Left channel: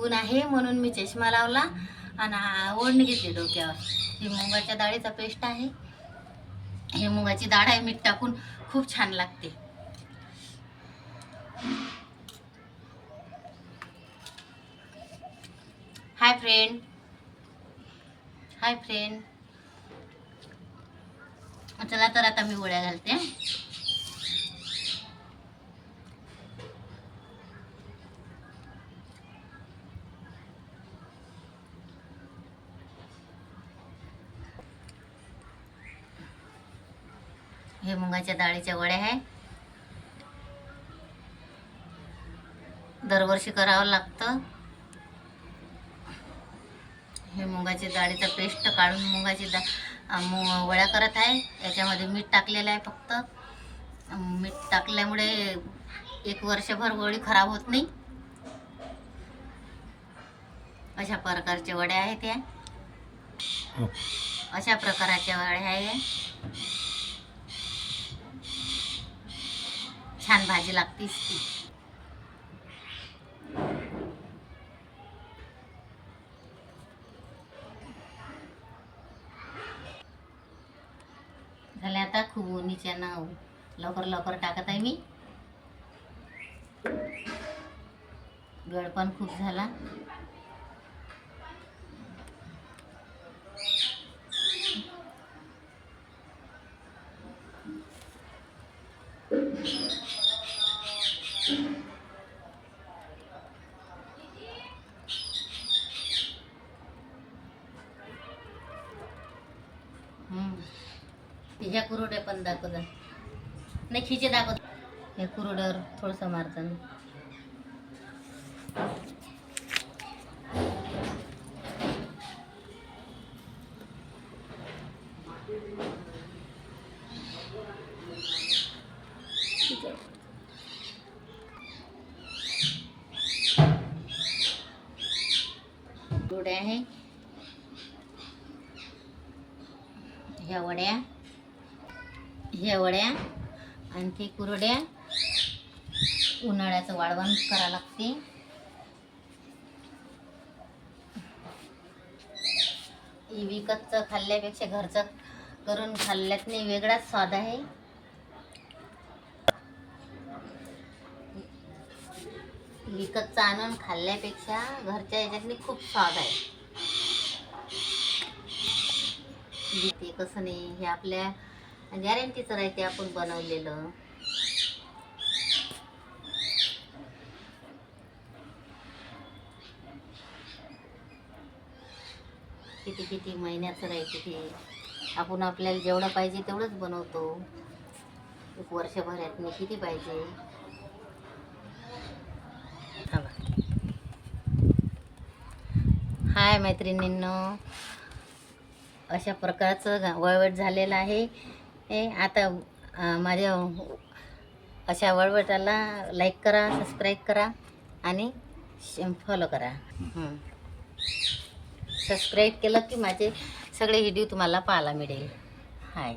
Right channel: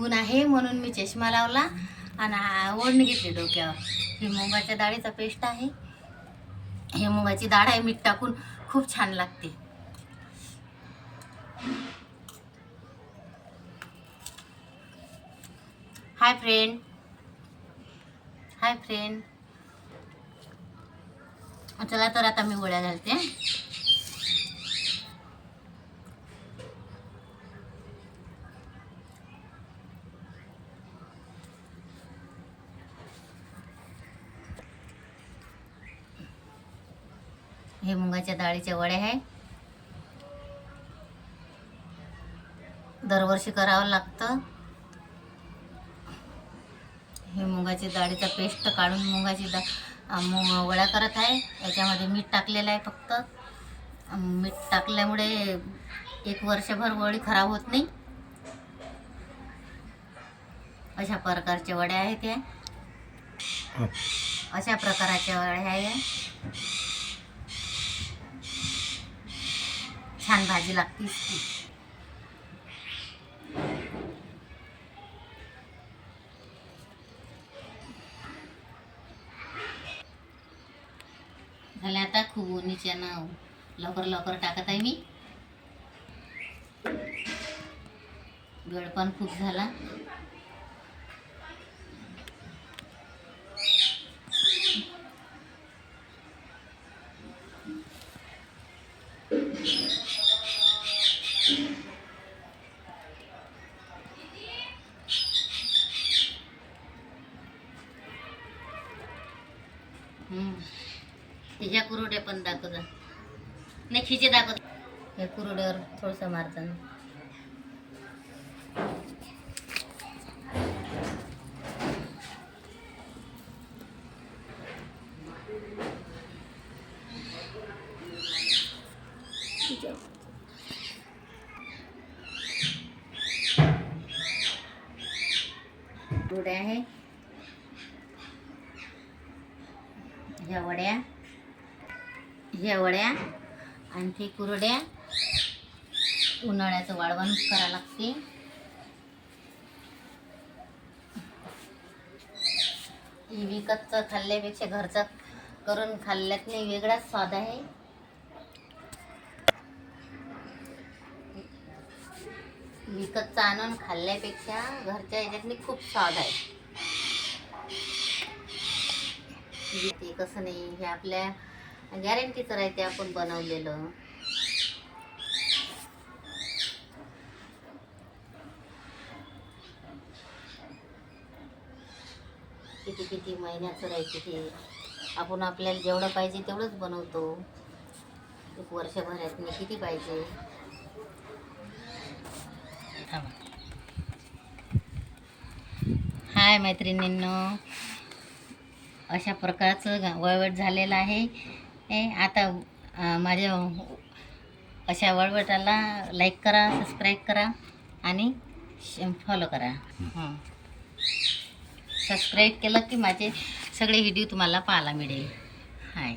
ऊन आहे म्हणून मी चष्मा लावला आणि ओढणी घेतली डोक्यावर. ही मुगाच्या डाळीचा पेस्ट आहे. ही मुगाची डाळ आहे, मीठ टाकून खूप छान लागते. Hi friend, hi friend. चला तर आता मी वड्या घालते. हे मुगाच्या डाळीच्या वड्या आहे. दरवर्षी करावं लागतं. हे मुगाची डाळीचा पेस्ट काढून मुगाची वड्या करत आहे. याच्यामध्ये मीठ टाकलेलं आहे. फक्त मीठ टाकल्यामुळे 1 वर्षभर वडी खराब होत नाही. अशा प्रकारच्या वड्या आहेत त्या. अशा प्रकारच्या वड्या आहे. छान भाजी लागते. झाले आता. खूप उन्हीच्या ना लवकर लवकर टाकत आहे मी. वेळ पण खूप झाला. तिच्या कुरुड्या पण दाखवत नाही. खिचे दाखवत. हे कुरुड्यावर थोडंसं मारताना कुरुड्या आहे. ह्या वड्या आणखी कुरड्या उन्हाळ्याचं वाळवण करावं लागते. विकतचं खाल्ल्यापेक्षा घरचं करून खाल्ल्यात नाही वेगळाच स्वाद आहे. विकतचं आणून खाल्ल्यापेक्षा घरच्या ह्याच्यातनी खूप स्वाद आहे. ते कसं नाही, हे आपल्या गॅरंटीचं राहते आपण बनवलेलं. किती किती महिन्याचं राहते ते. आपण आपल्याला जेवढं पाहिजे तेवढंच बनवतो. 1 वर्षभरात मी किती पाहिजे. हाय मैत्रिणींनो, अशा प्रकारचं वळवट झालेलं आहे. आता माझ्या अशा वळवटाला लाईक करा, सबस्क्राईब करा आणि फॉलो करा. सबस्क्राईब केलं की माझे सगळे व्हिडिओ तुम्हाला पाहायला मिळेल. हाय.